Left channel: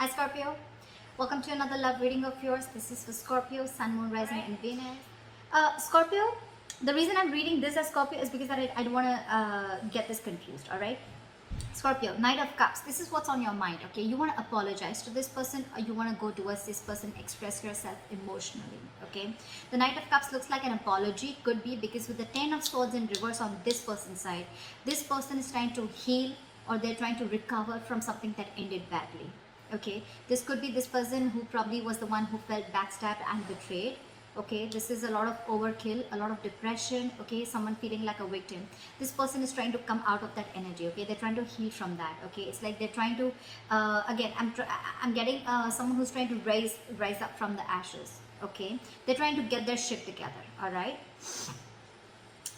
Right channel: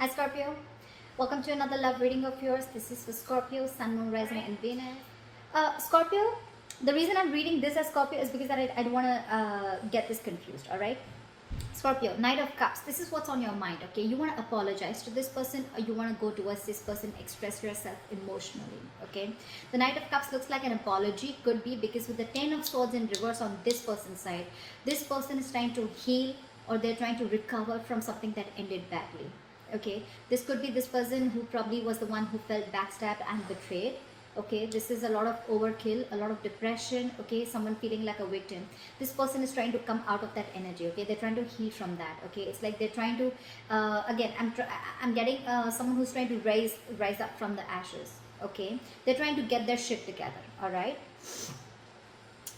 Hi Scorpio, welcome to another love reading of yours. This is for Scorpio, Sun, Moon, Rising, and Venus. Scorpio, the reason I'm reading this as Scorpio is because I don't want to get this confused, alright? Scorpio, Knight of Cups. This is what's on your mind, okay? You want to apologize to this person or you want to go towards this person, express yourself emotionally, okay? The Knight of Cups looks like an apology. Could be because with the Ten of Swords in reverse on this person's side, this person is trying to heal or they're trying to recover from something that ended badly, okay? This could be this person who probably was the one who felt backstabbed and betrayed. Okay, this is a lot of overkill, a lot of depression. Okay, someone feeling like a victim. This person is trying to come out of that energy. Okay, they're trying to heal from that. Okay, it's like they're trying to again I'm getting someone who's trying to rise up from the ashes. Okay, they're trying to get their shit together. All right.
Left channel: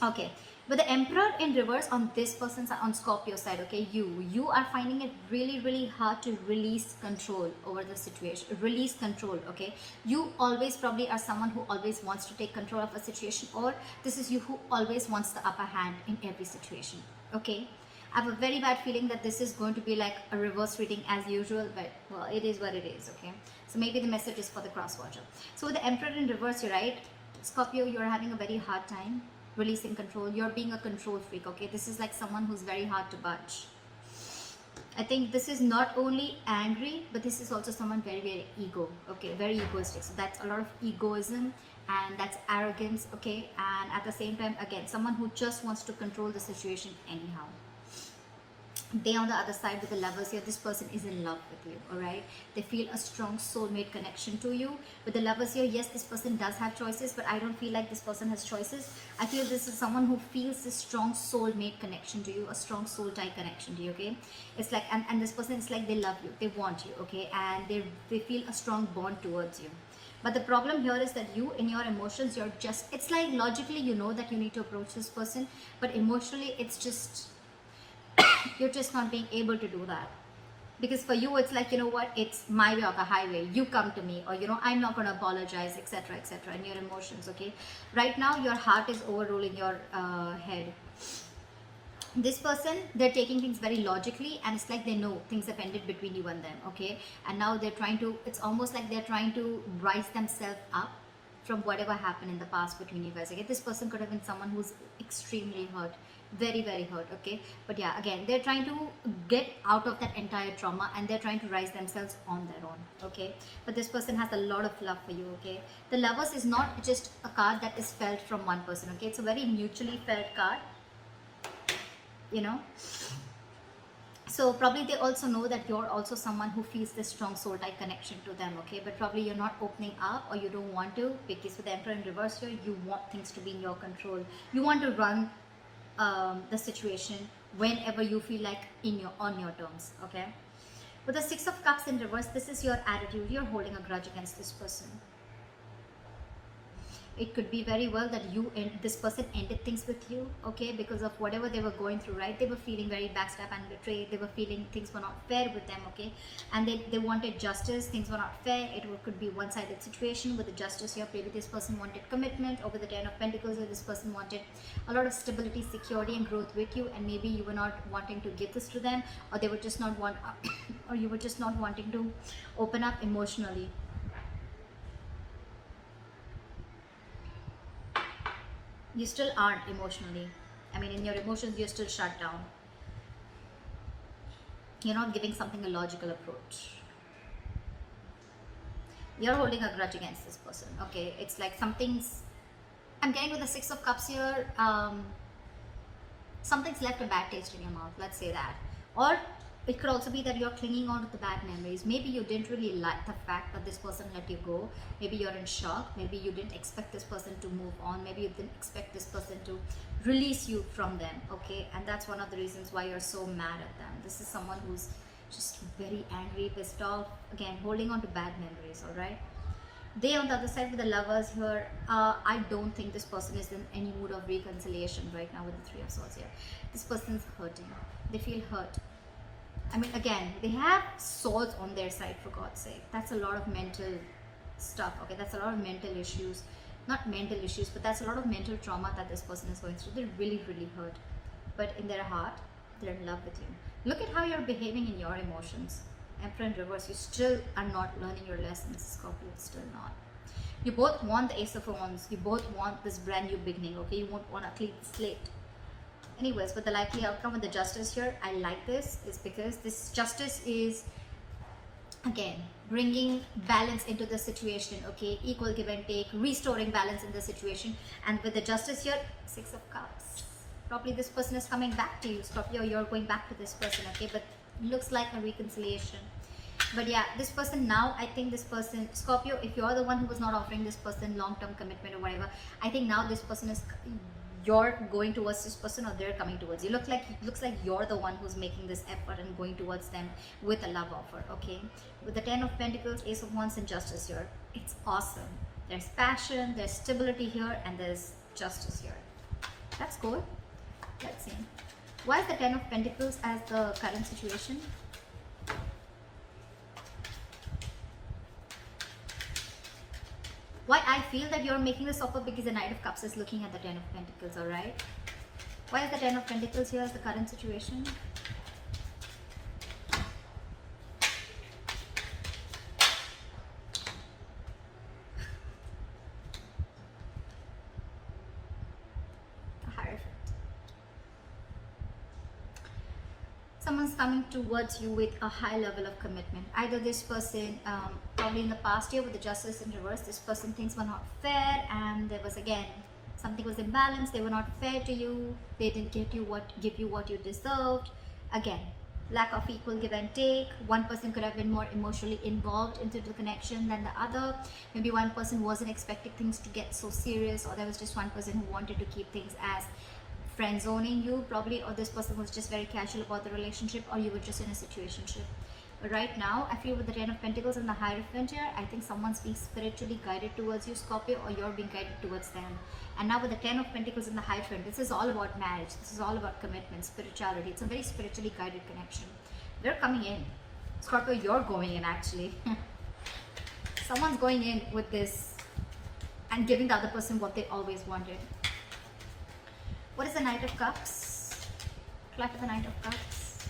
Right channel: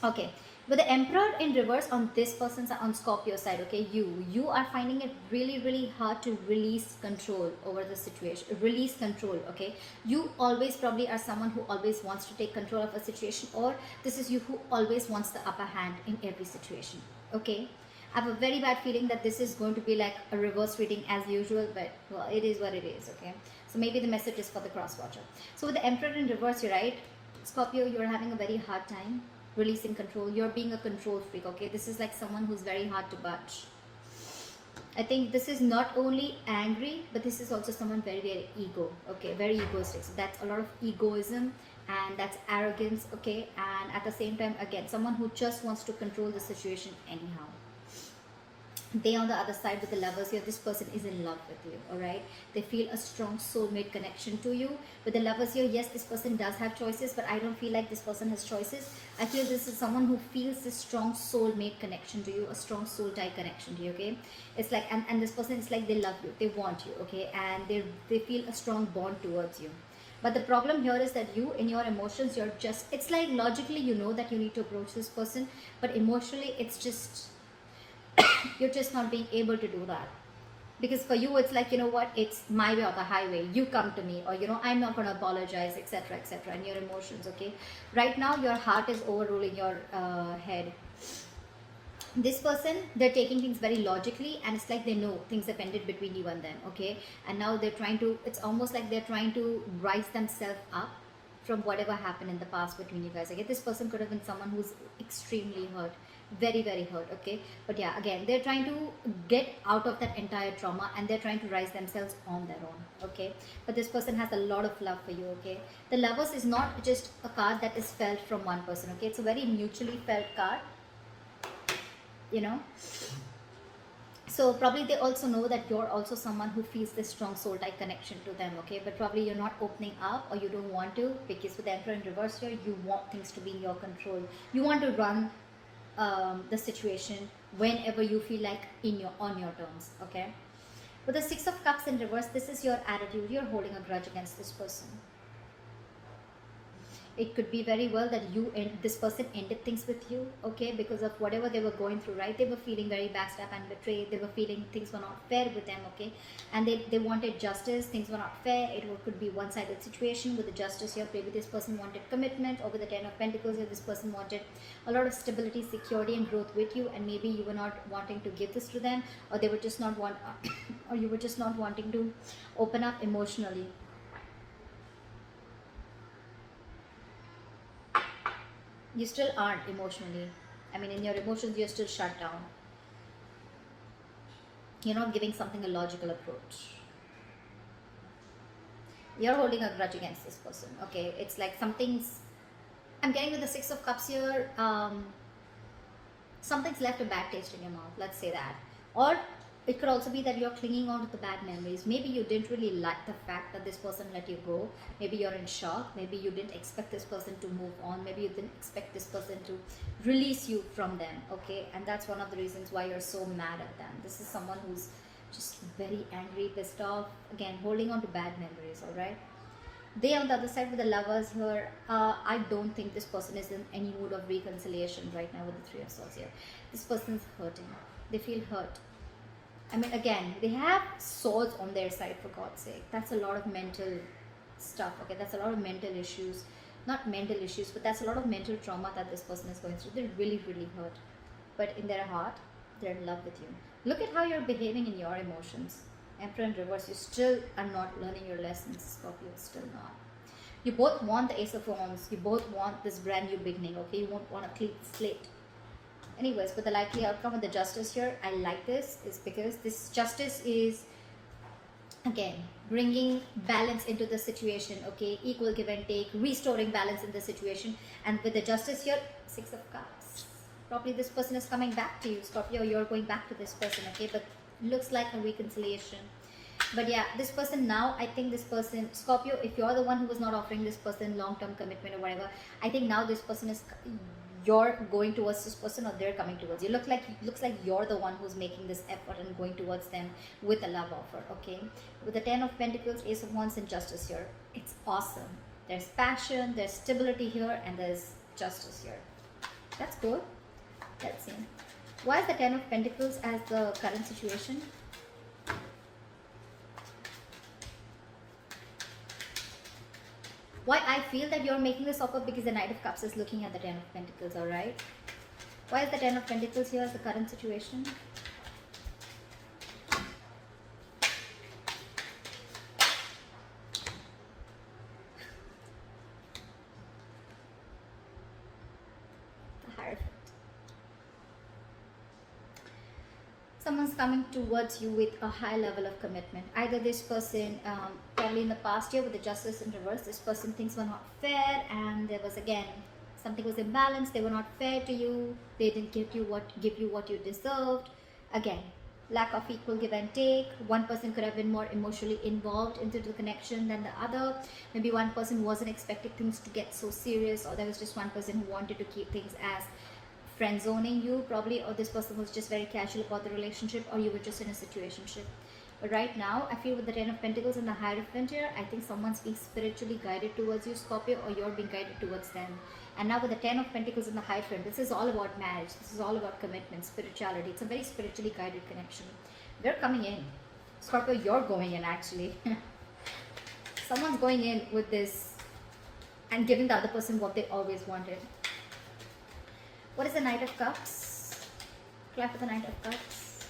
Okay, with the Emperor in reverse on this person's on Scorpio side, okay, you are finding it really hard to release control over the situation. Release control, okay. You always probably are someone who always wants to take control of a situation, or this is you who always wants the upper hand in every situation. Okay, I have a very bad feeling that this is going to be like a reverse reading as usual, but well, it is what it is. Okay, so maybe the message is for the cross watcher. So with the Emperor in reverse, you're right, Scorpio, you're having a very hard time releasing control. You're being a control freak. Okay, this is like someone who's very hard to budge. I think this is not only angry, but this is also someone very ego. Okay, very egoistic. So that's a lot of egoism and that's arrogance. Okay, and at the same time, again, someone who just wants to control the situation anyhow. They on the other side with the Lovers here, this person is in love with you. All right, they feel a strong soulmate connection to you. With the Lovers here, yes, this person does have choices, but I don't feel like this person has choices. I feel this is someone who feels this strong soulmate connection to you, a strong soul tie connection to you. Okay, it's like and this person is like they love you, they want you. Okay, and they feel a strong bond towards you. But the problem here is that you, in your emotions, you're just, it's like logically you know that you need to approach this person, but emotionally it's just you're just not being able to do that. Because for you it's like, you know what, it's my way or the highway, you come to me, or you know, I'm not going to apologize, etc, and your emotions. Okay, right now your heart is overruling your head. This person, they're taking things very logically, and it's like they know things have ended between you and them. Okay, and now they're trying to, it's almost like they're trying to rise themselves up from whatever happened in the past between you guys. Okay, this person could have been someone who's extremely hurt, very hurt. Okay, but yeah, again, they're trying to get out of that entire trauma and they're trying to rise themselves on their own. Okay, but this person has a lot of love for you. Okay, the Lovers is not just a card that is felt from one person. Okay, it's a very mutually felt card, you know. So probably they also know that you're also someone who feels this strong soul tie connection to them. Okay, but probably you're not opening up or you don't want to, because with the Emperor in reverse here, you want things to be in your control. You want to run the situation whenever you feel like on your terms. Okay, with the Six of Cups in reverse, this is your attitude. You're holding a grudge against this person. It could be very well that you and this person ended things with you. Okay, because of whatever they were going through, right? They were feeling very backstabbed and betrayed. They were feeling things were not fair with them. Okay, and they wanted justice. Things were not fair. Could be one-sided situation. With the Justice here, maybe this person wanted commitment. Over the Ten of Pentacles here, this person wanted a lot of stability, security, and growth with you, and maybe you were not wanting to give this to them, or they were just not or you were just not wanting to open up emotionally. You still aren't emotionally. I mean, in your emotions, you're still shut down. You're not giving something a logical approach. You're holding a grudge against this person. Okay, it's like something's, I'm getting with the Six of Cups here, something's left a bad taste in your mouth, let's say that. Or it could also be that you're clinging on to the bad memories. Maybe you didn't really like the fact that this person let you go. Maybe you're in shock. Maybe you didn't expect this person to move on. Maybe you didn't expect this person to release you from them. Okay, and that's one of the reasons why you're so mad at them. This is someone who's just very angry, pissed off, again holding on to bad memories. All right, they on the other side with the Lovers here, I don't think this person is in any mood of reconciliation right now with the Three of Swords here. This person's hurting. They feel hurt. I mean, again, they have swords on their side, for God's sake. That's a lot of mental stuff. Okay, that's a lot of mental issues. Not mental issues, but that's a lot of mental trauma that this person is going through. They're really hurt. But in their heart, they're in love with you. Look at how you're behaving in your emotions. Emperor in reverse, you still are not learning your lessons, Scorpio, still not. You both want the Ace of Wands, you both want this brand new beginning, okay? You want a clean slate. Anyways, but the likely outcome with the Justice here, I like this, is because this Justice is, again, bringing balance into the situation, okay? Equal give and take, restoring balance in the situation. And with the Justice here, Six of Cups. Probably this person is coming back to you, Scorpio. You're going back to this person, okay? But looks like a reconciliation. But yeah, this person now, I think this person, Scorpio, if you're the one who was not offering this person long-term commitment or whatever, I think now this person is, you're going towards this person or they're coming towards you. Looks like you're the one who's making this effort and going towards them with a love offer, okay? With the Ten of Pentacles, Ace of Wands and Justice here, it's awesome. There's passion, there's stability here, and there's Justice here. That's cool. Let's see. Why is the Ten of Pentacles as the current situation? Why I feel that you're making this offer, because the Knight of Cups is looking at the Ten of Pentacles, alright? Why is the Ten of Pentacles here as the current situation? Someone's coming towards you with a high level of commitment. Either this person, probably in the past year with the Justice in reverse, this person things were not fair, and there was, again, something was imbalanced. They were not fair to you. They didn't give you what you deserved. Again, lack of equal give and take. One person could have been more emotionally involved into the connection than the other. Maybe one person wasn't expecting things to get so serious, or there was just one person who wanted to keep things as friend zoning you, probably, or this person was just very casual about the relationship, or you were just in a situationship. But right now, I feel with the Ten of Pentacles and the Hierophant here, I think someone's being spiritually guided towards you, Scorpio, or you're being guided towards them. And now with the Ten of Pentacles and the Hierophant, this is all about marriage. This is all about commitment, spirituality. It's a very spiritually guided connection. They're coming in. Scorpio, you're going in, actually. Someone's going in with this and giving the other person what they always wanted. What is the Knight of Cups? Collect the Knight of Cups.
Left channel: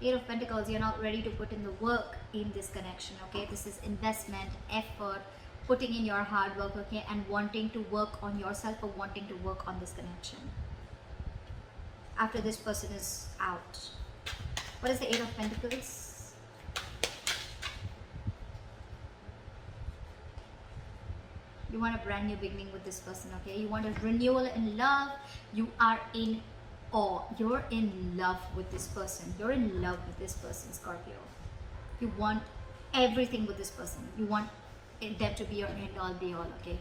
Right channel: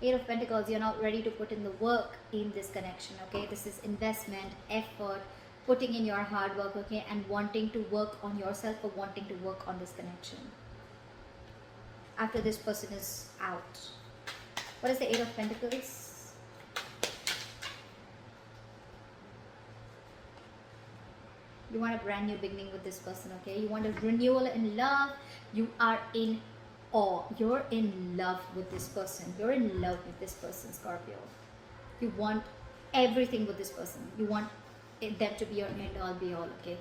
Eight of Pentacles, you're not ready to put in the work in this connection, okay? This is investment, effort, putting in your hard work, okay? And wanting to work on yourself or wanting to work on this connection. After this person is out. What is the Eight of Pentacles? You want a brand new beginning with this person, okay? You want a renewal in love. You are in awe. You're in love with this person. You're in love with this person, Scorpio. You want everything with this person. You want them to be your end all be all, okay?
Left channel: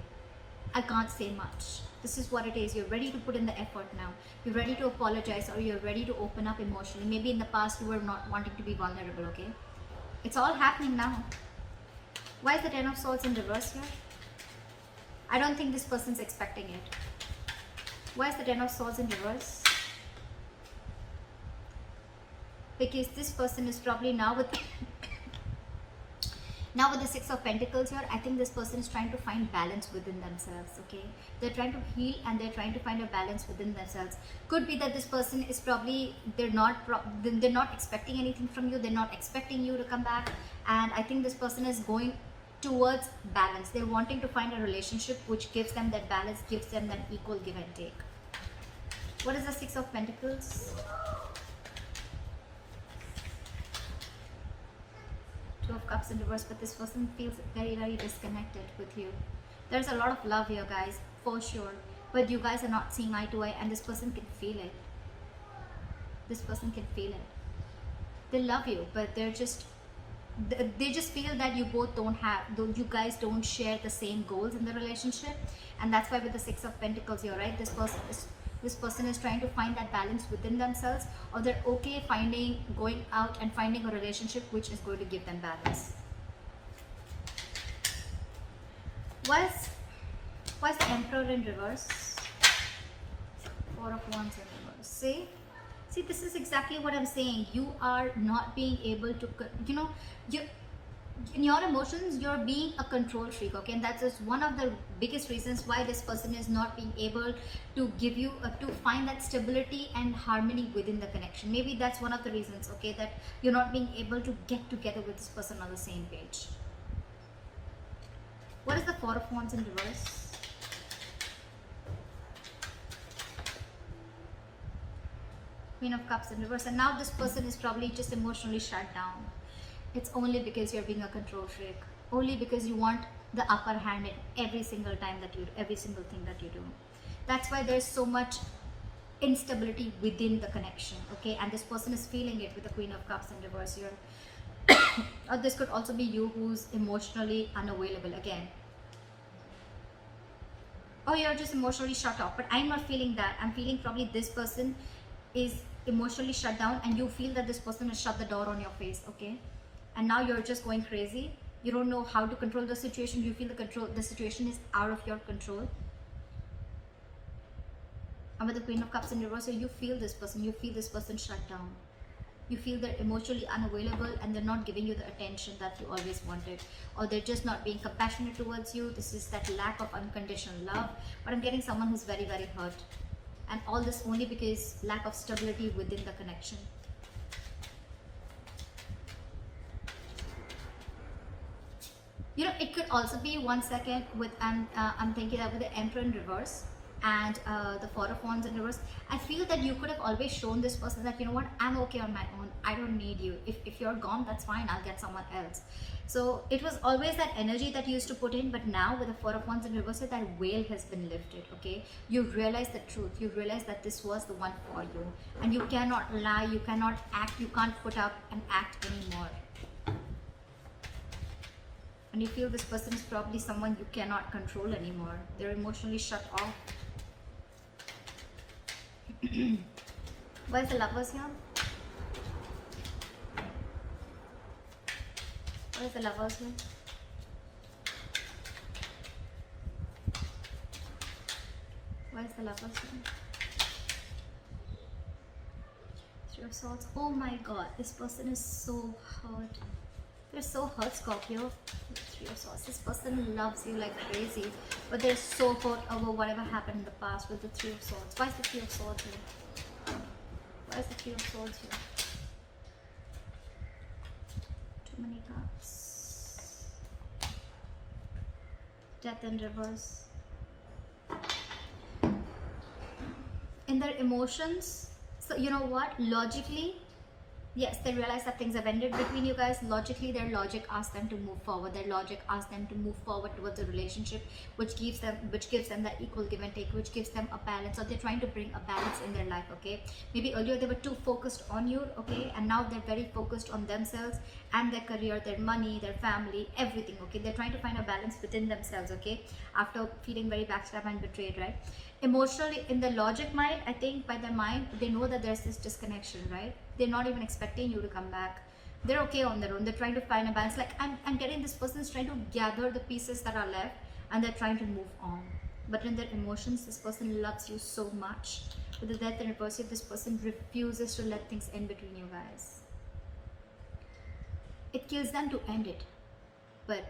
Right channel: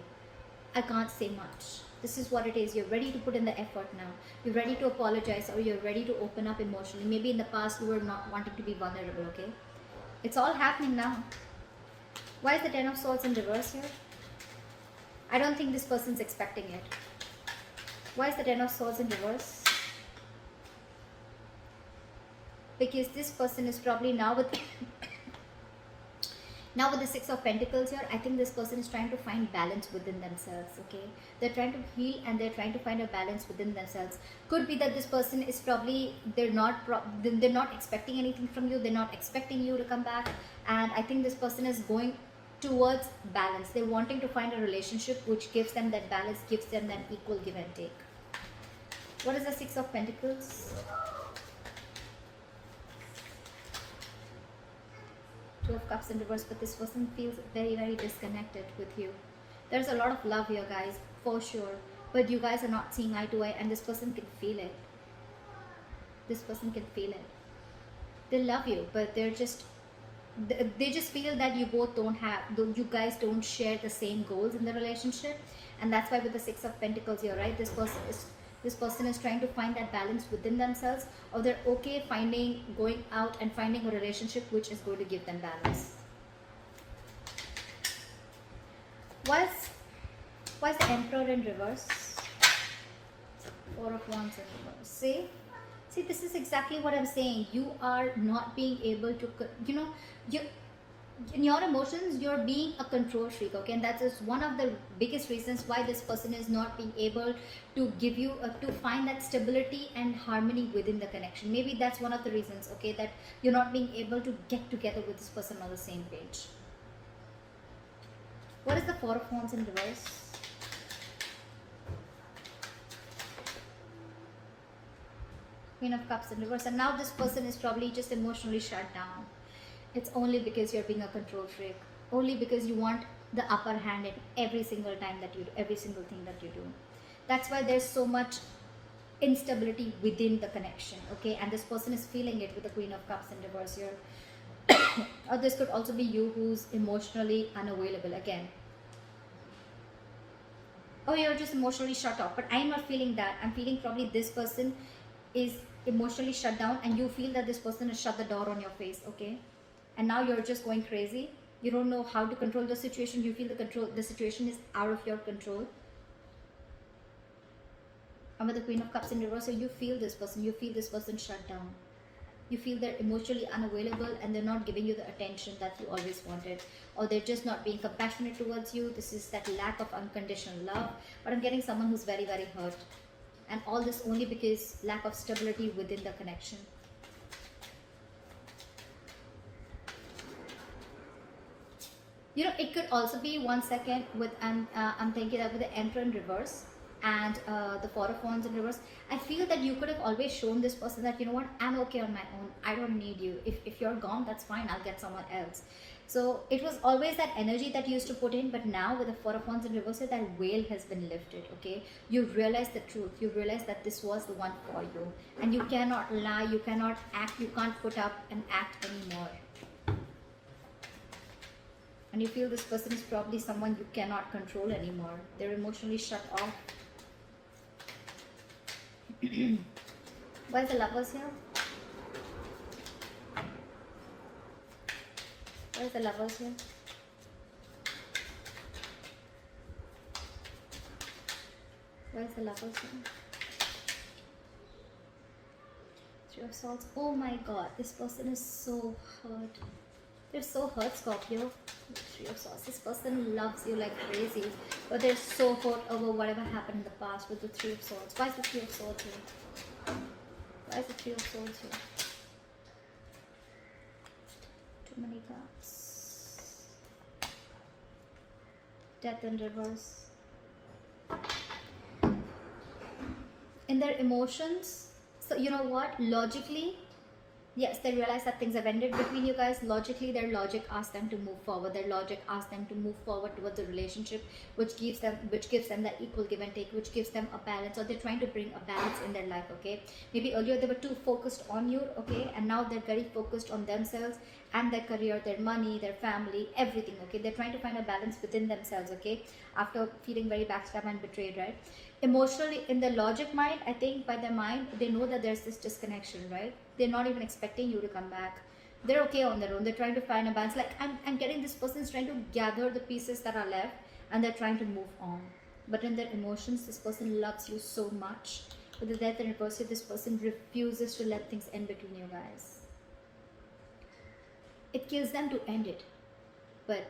I can't say much. This is what it is. You're ready to put in the effort now. You're ready to apologize, or you're ready to open up emotionally. Maybe in the past you were not wanting to be vulnerable, okay? It's all happening now. Why is the Ten of Swords in reverse here? I don't think this person's expecting it. Why is the Ten of Swords in reverse? Because this person is probably now with the Six of Pentacles here. I think this person is trying to find balance within themselves, okay? They're trying to heal and they're trying to find a balance within themselves. Could be that this person is probably, they're not expecting anything from you. They're not expecting you to come back. And I think this person is going towards balance. They're wanting to find a relationship which gives them that balance, gives them that equal give and take. What is the Six of Pentacles? Two of Cups in reverse, but this person feels very, very disconnected with you. There's a lot of love here, guys, for sure, but you guys are not seeing eye to eye, and this person can feel it. This person can feel it. They love you, but they just feel that you guys don't share the same goals in the relationship, and that's why with the Six of Pentacles here, right, this person is trying to find that balance within themselves, or they're okay going out and finding a relationship which is going to give them balance. Why's the Emperor in reverse? Four of Wands in reverse. See, this is exactly what I'm saying. You are not being able to, in your emotions you're being a control freak, okay, and that's just one of the biggest reasons why this person is not being able to give you to find that stability and harmony within the connection. Maybe that's one of the reasons, okay, that you're not being able to get together with this person on the same page. What is the Four of Wands in reverse? Queen of Cups in reverse, and now this person is probably just emotionally shut down. It's only because you're being a control freak. Only because you want the upper hand in every single time that you do, every single thing that you do. That's why there's so much instability within the connection, okay? And this person is feeling it with the Queen of Cups in reverse here. Or this could also be you who's emotionally unavailable again. Oh, you're just emotionally shut off. But I'm not feeling that. I'm feeling probably this person is emotionally shut down and you feel that this person has shut the door on your face, okay? And now you're just going crazy. You don't know how to control the situation. You feel the situation is out of your control. And with the Queen of Cups in reverse, so you feel this person shut down. You feel they're emotionally unavailable and they're not giving you the attention that you always wanted, or they're just not being compassionate towards you. This is that lack of unconditional love. But I'm getting someone who's very, very hurt, and all this only because lack of stability within the connection. You know, it could also be, one second, with I'm thinking that with the Emperor in reverse and the Four of Wands in reverse, I feel that you could have always shown this person that, you know what, I'm okay on my own. I don't need you. If you're gone, that's fine. I'll get someone else. So it was always that energy that you used to put in, but now with the Four of Wands in reverse, that veil has been lifted, okay? You realize the truth. You realize that this was the one for you. And you cannot lie. You cannot act. You can't put up and act anymore. And you feel this person is probably someone you cannot control anymore. They're emotionally shut off. Where's the Lovers here? Where's the Lovers here? Where's the Lovers here? Three of Swords. Oh my god, this person is so hurt. They're so hurt, Scorpio. Three of Swords. This person loves you like crazy, but they're so hurt over whatever happened in the past with the Three of Swords. Why is the Three of Swords here? Why is the Three of Swords here? Too many cards. Death in reverse. In their emotions, so you know what? Logically, yes, they realize that things have ended between you guys. Logically, their logic asks them to move forward. Their logic asks them to move forward towards the relationship, which gives them that equal give and take, which gives them a balance. So they're trying to bring a balance in their life, okay? Maybe earlier they were too focused on you, okay? And now they're very focused on themselves and their career, their money, their family, everything, okay? They're trying to find a balance within themselves, okay? After feeling very backstabbed and betrayed, right? Emotionally, in the logic mind, I think by their mind, they know that there's this disconnection, right? They're not even expecting you to come back. They're okay on their own. They're trying to find a balance. Like, I'm getting this person's trying to gather the pieces that are left and they're trying to move on. But in their emotions, this person loves you so much. With the Death in reverse, this person refuses to let things end between you guys. It kills them to end it, but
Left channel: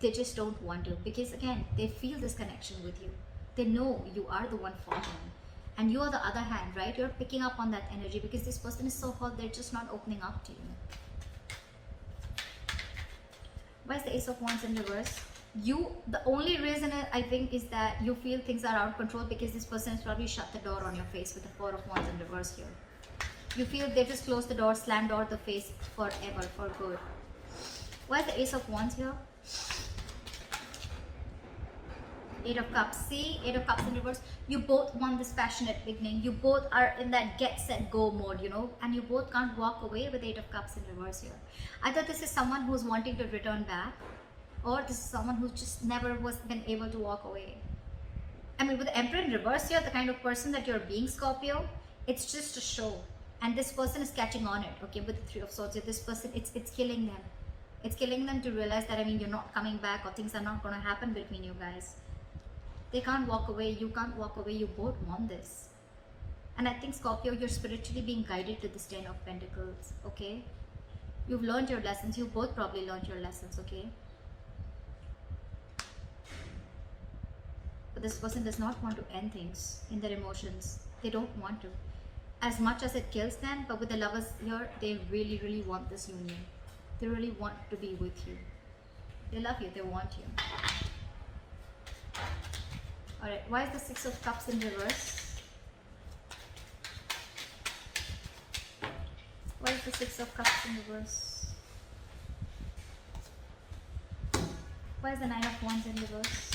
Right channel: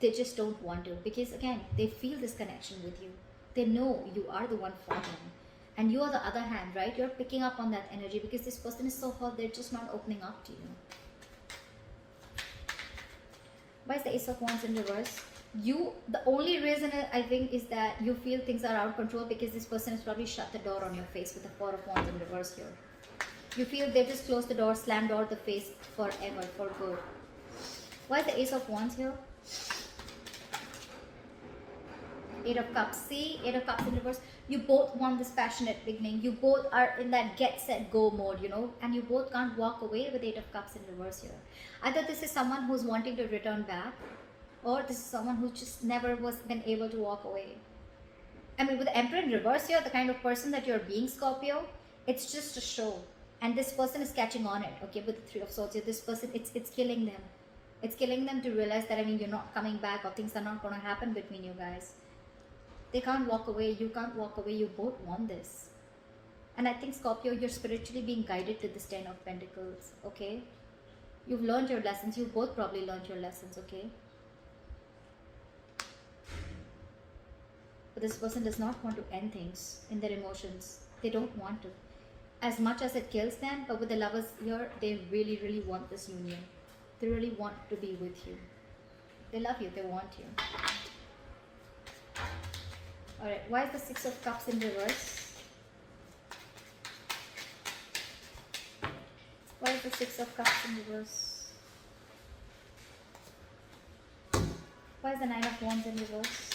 they just don't want to, because again, they feel this connection with you. They know you are the one for them. And you, on the other hand, right, you're picking up on that energy because this person is so hurt, they're just not opening up to you. Why is the Ace of Wands in reverse? The only reason I think is that you feel things are out of control because this person has probably shut the door on your face with the Four of Wands in reverse here. You feel they just closed the door, slammed door the face forever, for good. Why is the Ace of Wands here? Eight of Cups. See, Eight of Cups in reverse. You both want this passionate beginning. You both are in that get, set, go mode, you know, and you both can't walk away with Eight of Cups in reverse here. Either this is someone who's wanting to return back, or this is someone who just never was been able to walk away. I mean, with the Emperor in reverse here, the kind of person that you're being, Scorpio, it's just a show. And this person is catching on it, okay, with the Three of Swords here. This person, it's killing them. It's killing them to realize that, I mean, you're not coming back or things are not going to happen between you guys. They can't walk away, you can't walk away, you both want this. And I think, Scorpio, you're spiritually being guided to this Ten of Pentacles, okay? You've learned your lessons. You both probably learned your lessons, okay? But this person does not want to end things in their emotions. They don't want to. As much as it kills them, but with the lovers here, they really, really want this union. They really want to be with you. They love you. They want you. Alright, why is the Six of Cups in reverse? Why is the Six of Cups in reverse? Why is the Nine of Wands in reverse?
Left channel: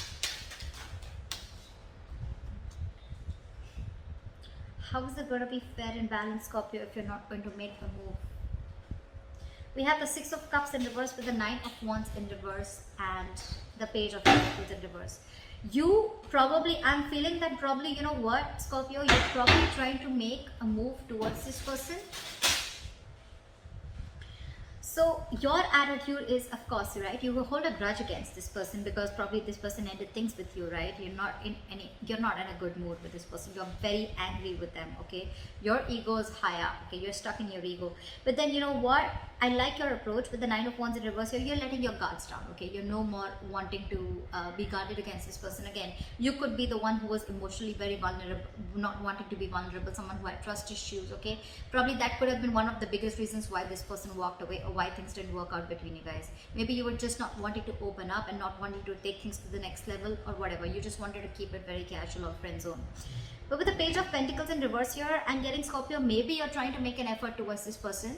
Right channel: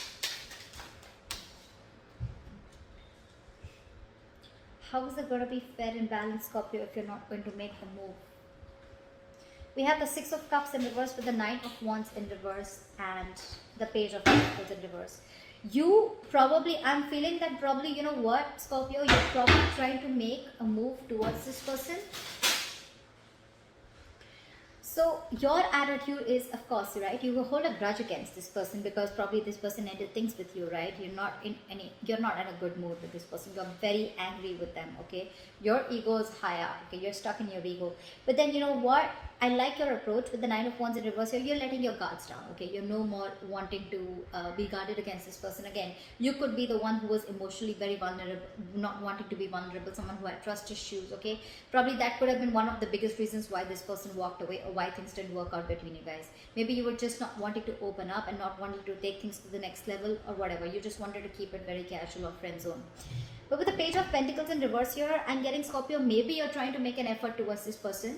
How is it going to be fair and balanced, Scorpio, if you're not going to make the move? We have the Six of Cups in reverse with the Nine of Wands in reverse and the Page of Pentacles in reverse. You probably, I'm feeling that probably, you know what, Scorpio, you're probably trying to make a move towards this person. So your attitude is, of course, right, you will hold a grudge against this person because probably this person ended things with you, right? You're not in a good mood with this person. You're very angry with them, okay? Your ego is high up, okay? You're stuck in your ego. But then you know what? I like your approach with the Nine of Wands in reverse. You're letting your guards down, okay? You're no more wanting to be guarded against this person again. You could be the one who was emotionally very vulnerable, not wanting to be vulnerable, someone who had trust issues, okay? Probably that could have been one of the biggest reasons why this person walked away or why things didn't work out between you guys. Maybe you were just not wanting to open up and not wanting to take things to the next level or whatever. You just wanted to keep it very casual or friend zone. But with the Page of Pentacles in reverse here, I'm getting, Scorpio, maybe you're trying to make an effort towards this person,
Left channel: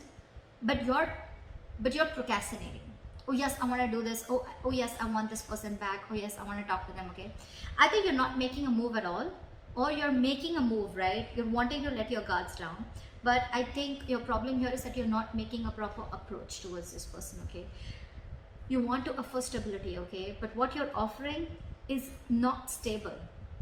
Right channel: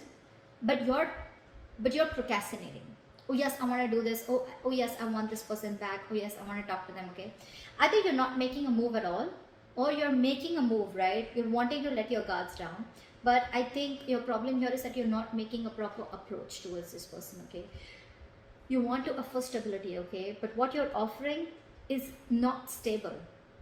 but you're procrastinating. Oh yes, I want to do this. Oh yes, I want this person back. Oh yes, I want to talk to them, okay? I think you're not making a move at all, or you're making a move, right? You're wanting to let your guards down. But I think your problem here is that you're not making a proper approach towards this person, okay? You want to offer stability, okay? But what you're offering is not stable.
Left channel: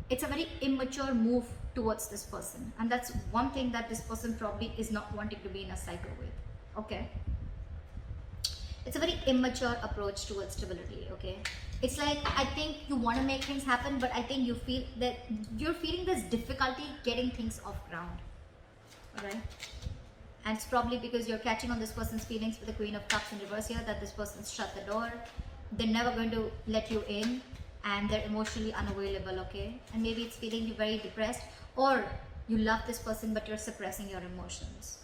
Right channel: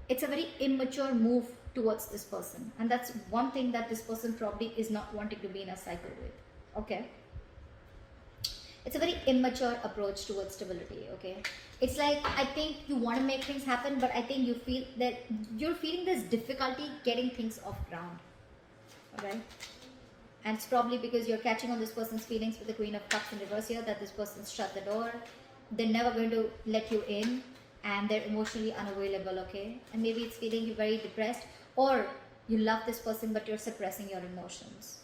It's a very immature move towards this person. And that's one thing that this person probably is not wanting to be in a cycle with, okay? It's a very immature approach towards stability, okay? It's like, I think you want to make things happen, but I think you feel that you're feeling this difficulty getting things off ground, alright? And it's probably because you're catching on this person's feelings with the Queen of Cups in reverse here, that this person's shut the door. They're never going to let you in, and they're emotionally unavailable, okay? And maybe it's feeling you very depressed, or you love this person, but you're suppressing your emotions.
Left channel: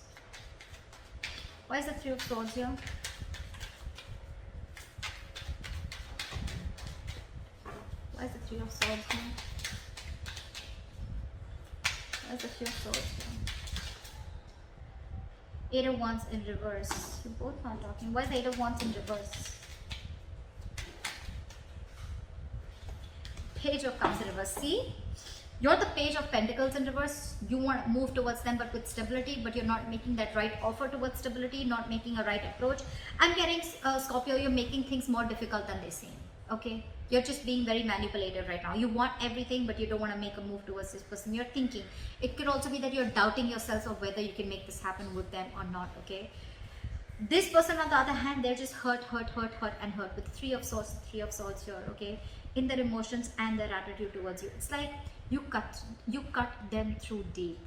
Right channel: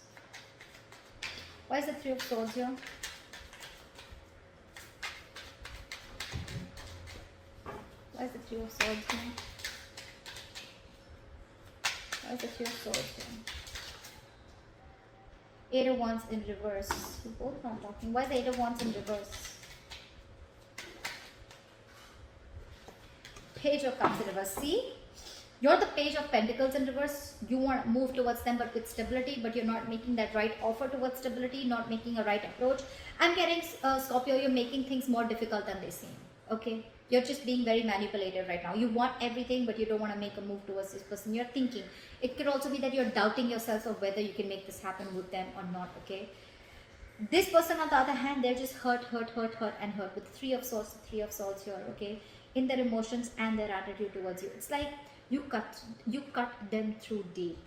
Why is the Three of Swords here? Why is the Three of Swords here? Why is the Three of Swords here? Eight of Wands in reverse. You both are talking. Why the Eight of Wands in reverse? Page of Cups in reverse. See? You're the Page of Pentacles in reverse. You want to move towards them but with stability, but you're not making that right offer towards stability, not making a right approach. I'm getting, Scorpio, you're making things more difficult than they seem. Okay? You're just being very manipulative right now. You want everything, but you don't want to make a move towards this person. You're thinking. It could also be that you're doubting yourself of whether you can make this happen with them or not, okay? This person, on the other hand, they're just hurt, and hurt with Three of Swords here, okay? In their emotions and their attitude towards you. It's like you cut them through deep.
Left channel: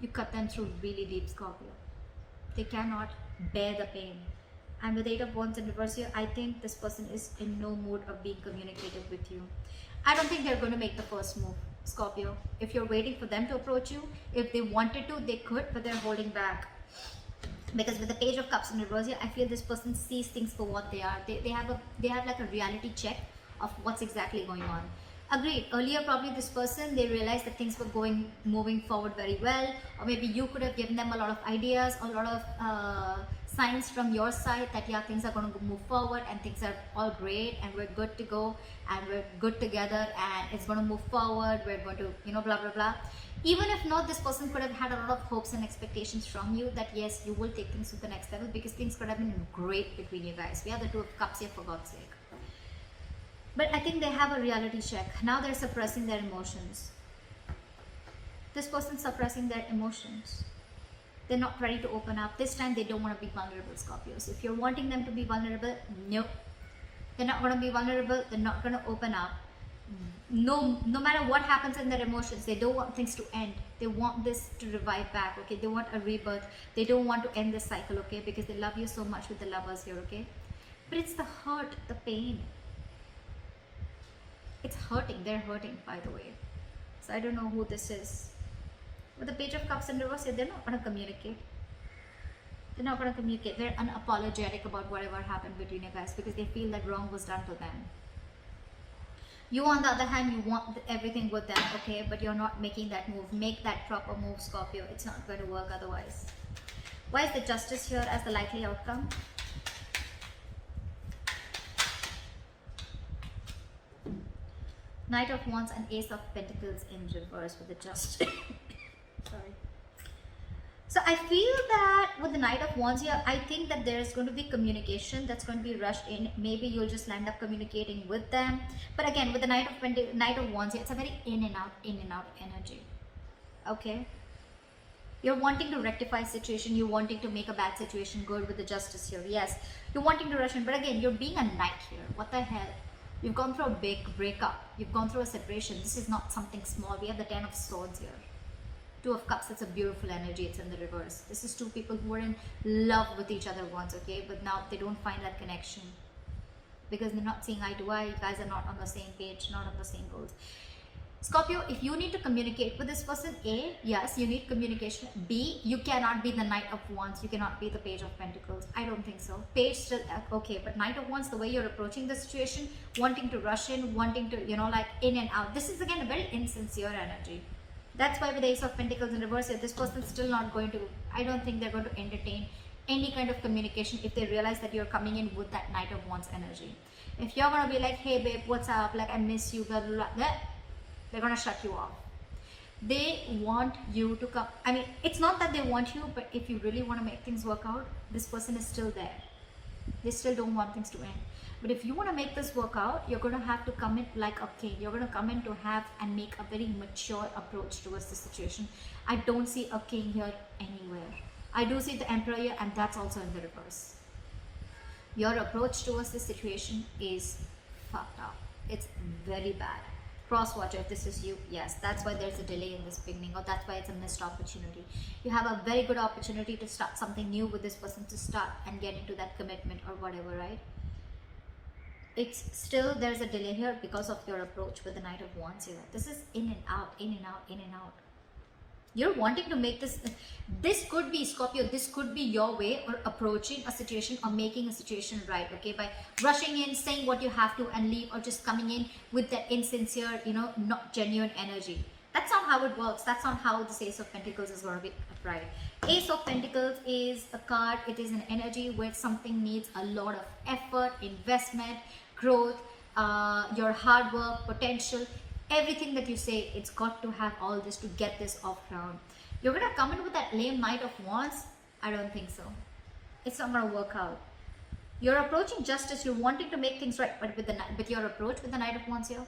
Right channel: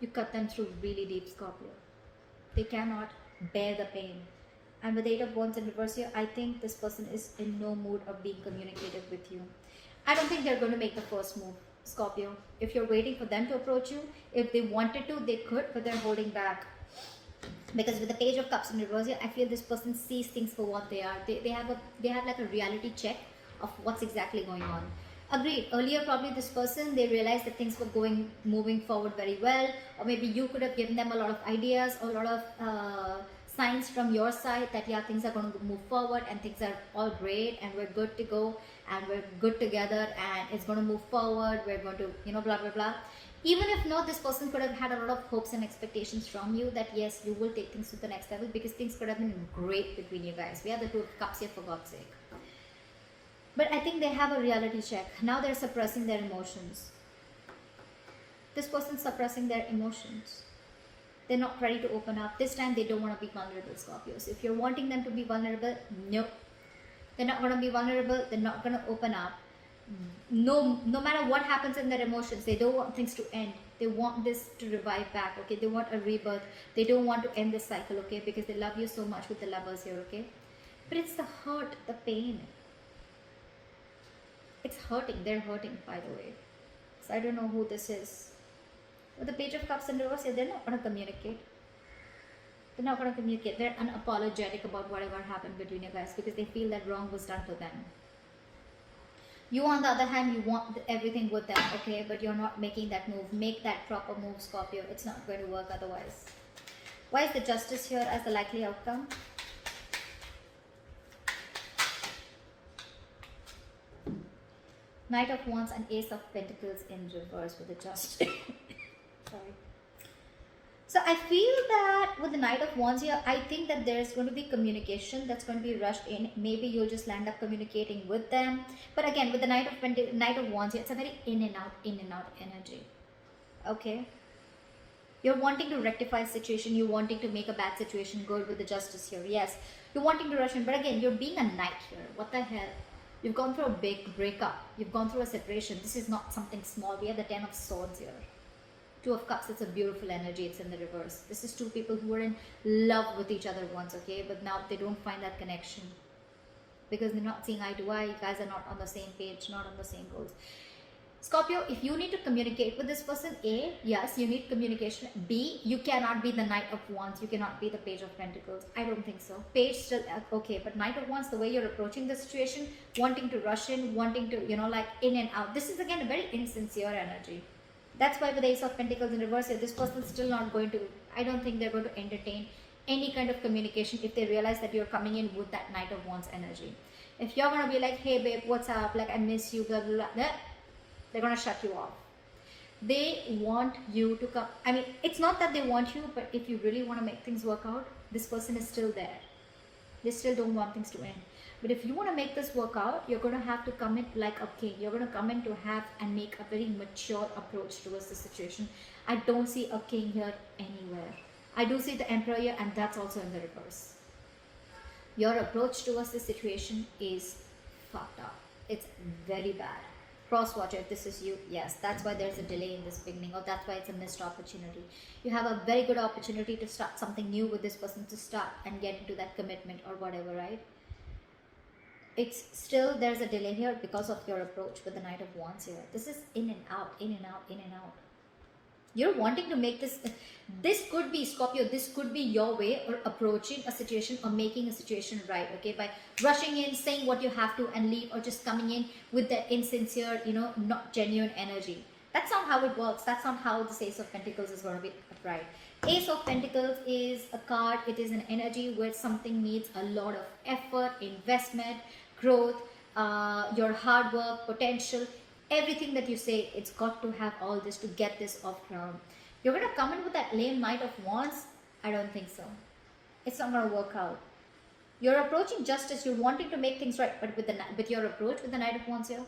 You cut them through really deep, Scorpio. They cannot bear the pain. And with Eight of Wands in reverse here, I think this person is in no mood of being communicative with you. I don't think they're going to make the first move, Scorpio. If you're waiting for them to approach you, if they wanted to, they could, but they're holding back. Because with the Page of Cups in reverse here, I feel this person sees things for what they are. They have like a reality check of what's exactly going on. Agreed. Earlier, probably this person, they realized that things were moving forward very well, or maybe you could have given them a lot of ideas, a lot of signs from your side that yeah, things are going to move forward and things are all great and we're good to go and we're good together and it's going to move forward. We're going to, you know, blah blah blah. Even if not, this person could have had a lot of hopes and expectations from you that yes, you will take things to the next level because things could have been great between you guys. We have the Two of Cups here, for God's sake. But I think they have a reality check. Now they're suppressing their emotions. This person's suppressing their emotions. They're not ready to open up. This time they don't want to be vulnerable, Scorpios. If you're wanting them to be vulnerable, no. They're not going to be vulnerable. They're not going to open up. no matter what happens in their emotions, they don't want things to end. They want this to revive back, okay? They want a rebirth. They don't want to end this cycle, okay? Because they love you so much with the lovers here, okay? But it's the hurt, the pain. It's hurting. They're hurting, by the way. So I don't know who this is. With the Page of Cups in reverse, they're not going to communicate. They're not going to communicate. They're unapologetic about whatever happened between you guys because they feel that wrong was done to them. You, on the other hand, you want everything with them, okay? But you're not making that move. Make that proper move, Scorpio. It's not going to work otherwise. Why is the Justice here as the likely outcome? Knight of Wands and Ace of Pentacles in reverse with the Justice. Sorry. So I feel that with the Knight of Wands here, I think that there is going to be communication that's going to be rushed in. Maybe you'll just land up communicating with them. But again, with the Knight of Wands here, it's a very in and out energy. Okay? You're wanting to rectify a situation. You're wanting to make a bad situation good with the Justice here. Yes, you're wanting to rush in. But again, you're being a knight here. What the hell? You've gone through a big breakup. You've gone through a separation. This is not something small. We have the 10 of Swords here. 2 of Cups, it's a beautiful energy. It's in the reverse. This is 2 people who were in love with each other once, okay? But now they don't find that connection. Because they're not seeing eye to eye. You guys are not on the same page, not on the same goals. Scorpio, if you need to communicate with this person, A, yes, you need communication. B, you cannot be the Knight of Wands. You cannot be the Page of Pentacles. I don't think so. Page still, okay. But Knight of Wands, the way you're approaching the situation, wanting to rush in, wanting to, you know, like in and out. This is again a very insincere energy. That's why with the Ace of Pentacles in reverse, this person is still not going to, I don't think they're going to entertain any kind of communication if they realize that you're coming in with that Knight of Wands energy. If you're going to be like, hey babe, what's up? Like, I miss you, blah, blah, blah, they're going to shut you off. They want you to come. I mean, it's not that they want you, but if you really want to make things work out, this person is still there. They still don't want things to end. But if you want to make this work out, you're going to have to come in like a king. You're going to come in to have and make a very mature approach towards the situation. I don't see a king here anywhere. I do see the Emperor here, and that's also in the reverse. Your approach towards this situation is fucked up. It's very bad. Cross watcher, if this is you, yes, that's why there's a delay in this beginning, or that's why it's a missed opportunity. You have a very good opportunity to start something new with this person, to start and get into that commitment or whatever, right? It's still, there's a delay here because of your approach with the Knight of Wands here. This is in and out, in and out, in and out. You're wanting to make this could be, Scorpio, this could be your way or approaching a situation or making a situation right, okay? By rushing in, saying what you have to and leave, or just coming in with that insincere, you know, not genuine energy. That's not how it works. That's not how the Ace of Pentacles is going to be right. Ace of Pentacles is a card. It is an energy where something needs a lot of effort, investment, growth, your hard work, potential. Everything that you say, it's got to have all this to get this off ground. You're going to come in with that lame Knight of Wands? I don't think so. It's not going to work out. You're approaching justice. You're wanting to make things right. But with your approach with the Knight of Wands here,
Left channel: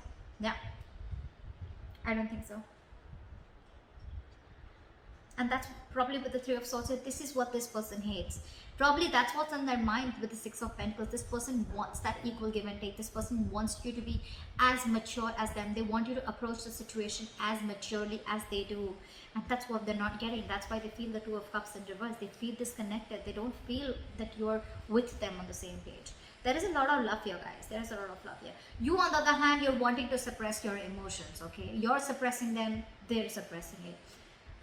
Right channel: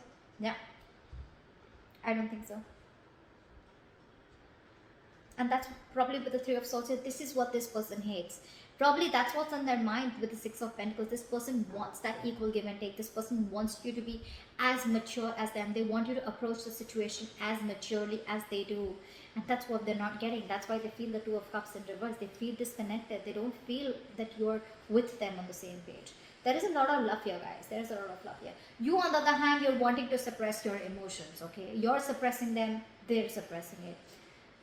yeah, I don't think so. And that's probably with the Three of Swords. This is what this person hates. Probably that's what's on their mind with the Six of Pentacles. This person wants that equal give and take. This person wants you to be as mature as them. They want you to approach the situation as maturely as they do. And that's what they're not getting. That's why they feel the Two of Cups in reverse. They feel disconnected. They don't feel that you're with them on the same page. There is a lot of love here, guys. There is a lot of love here. You, on the other hand, you're wanting to suppress your emotions, okay? You're suppressing them. They're suppressing it.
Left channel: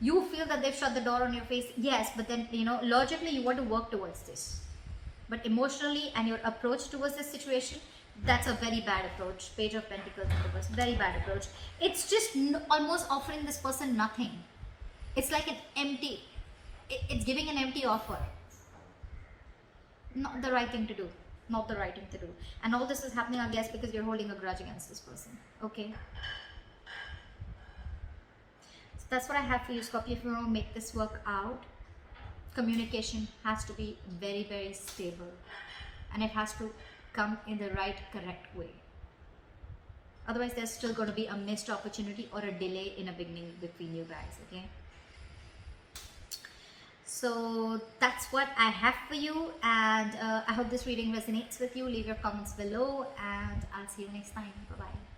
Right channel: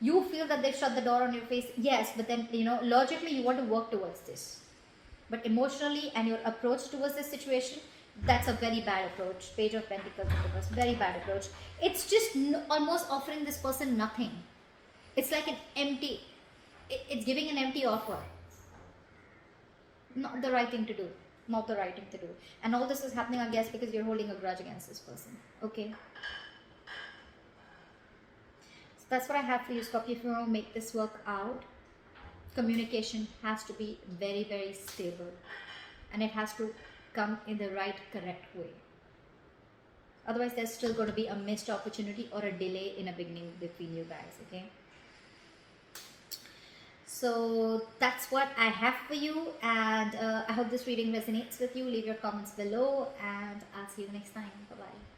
You feel that they've shut the door on your face. Yes, but then, you know, logically you want to work towards this. But emotionally and your approach towards this situation, that's a very bad approach. Page of Pentacles, very bad approach. It's just almost offering this person nothing. It's like an empty, it's giving an empty offer. Not the right thing to do. Not the right thing to do. And all this is happening, I guess, because you're holding a grudge against this person. Okay. That's what I have for you, Scorpio. If you want to make this work out, communication has to be very, very stable. And it has to come in the right, correct way. Otherwise, there's still going to be a missed opportunity or a delay in a beginning between you guys, okay? So that's what I have for you. And I hope this reading resonates with you. Leave your comments below. And I'll see you next time. Bye-bye.